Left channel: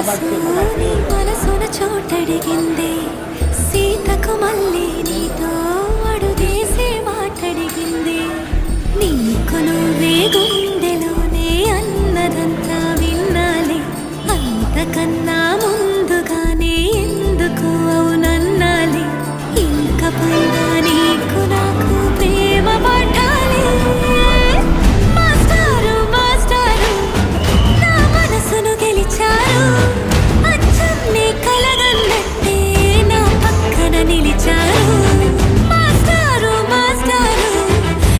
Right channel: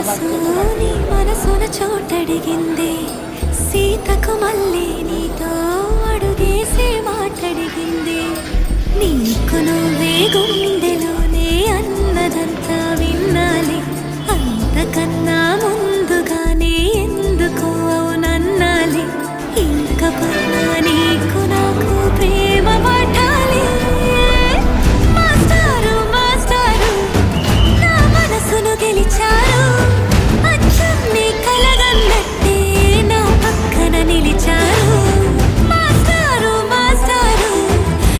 మనసు నీ మనసున చోటడిగిందే సీతకు మళ్ళీ నీతో అడుగేసే మాటడిగిందే నీకు నువ్వే గుండెలోనే అన్నదంతా విన్నాలే అంతకన్నా ముందుగానే ఎందుకు అవునన్నాలే ఇంక పైన నీకు నాకు ప్రేమ పాఠ